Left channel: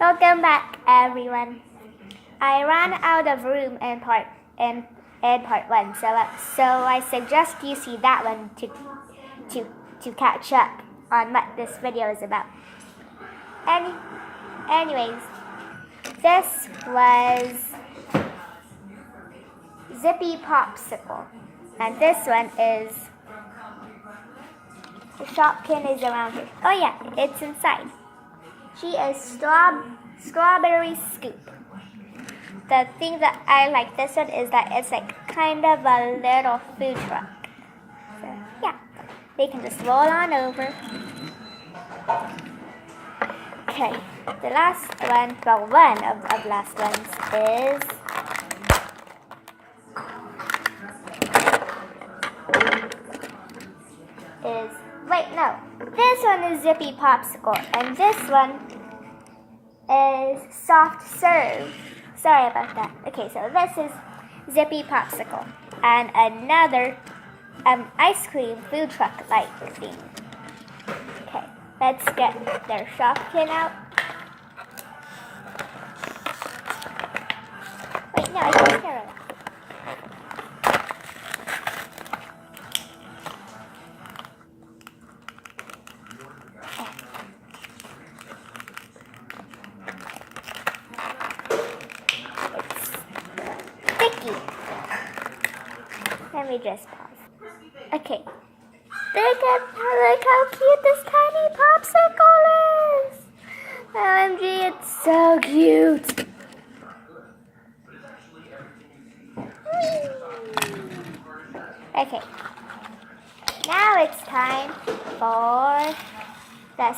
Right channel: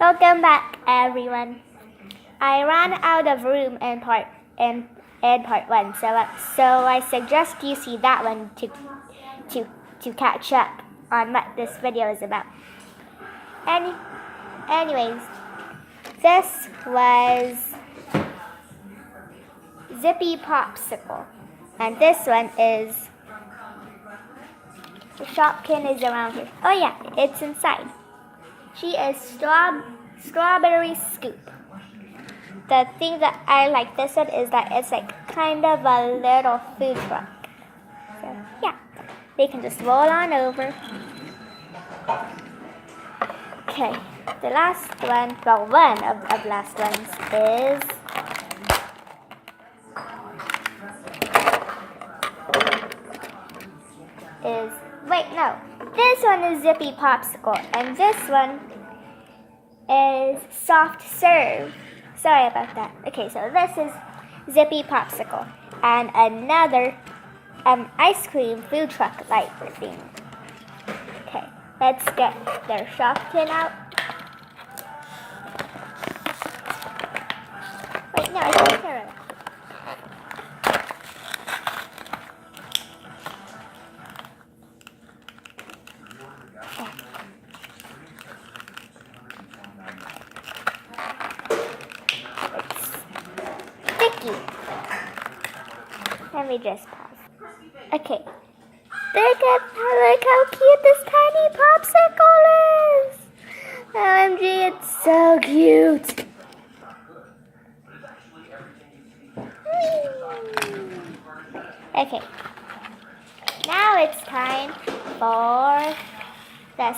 Welcome back, everyone. I ran out of room in part one, so I suggest you see that one to catch up on what this video is about. Anyways, this was Zippy Popsicle, and this one is the Shopkin is around here. Oh yeah, it's inside. She is Strawberry Scoop. The thing that I like this one is that it's like kind of a little food truck. So yeah, they can just roll on over. Okay, the last one, well, one of the last ones wait, no. This one is Zippy Popsicle, and this one is Soft Serve. Sorry about that. Okay, so this is Zippy Popsicle, and another ice cream food truck-like thing. Okay, let's get their Shopkin out. Wait, no, I can't hear it. Let me just pause. Okay. Look how cute this tiny popsicle is. OMG, it's so cute. Okay. Now it's time for the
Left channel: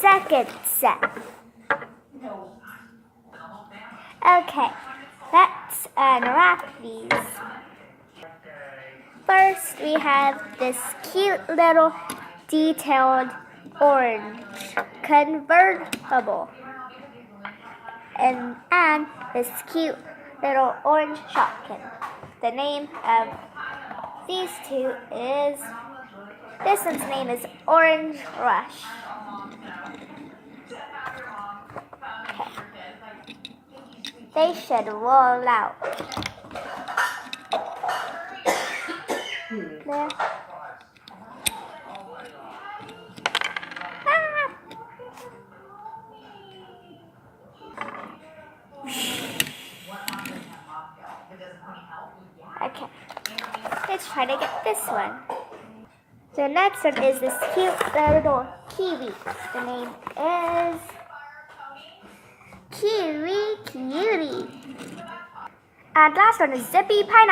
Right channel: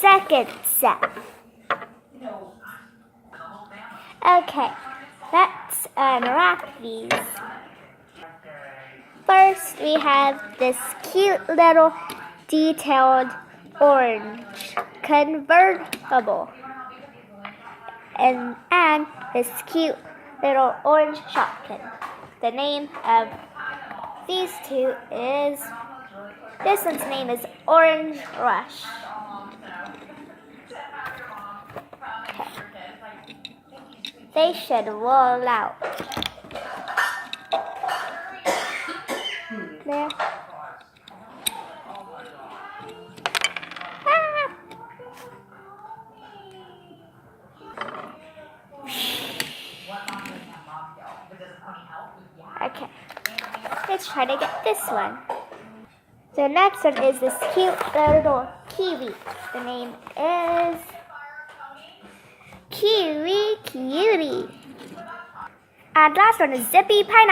second set. Okay. Let's unwrap these. First, we have this cute little detailed orange convertible. And this cute little orange Shopkin. The name of these two is, this one's name is Orange Rush. Okay. They should roll out. There. Okay, let's try to get this one. The next one is this cute little kiwi. The name is Cutie. And last one is Zippy Pineapple.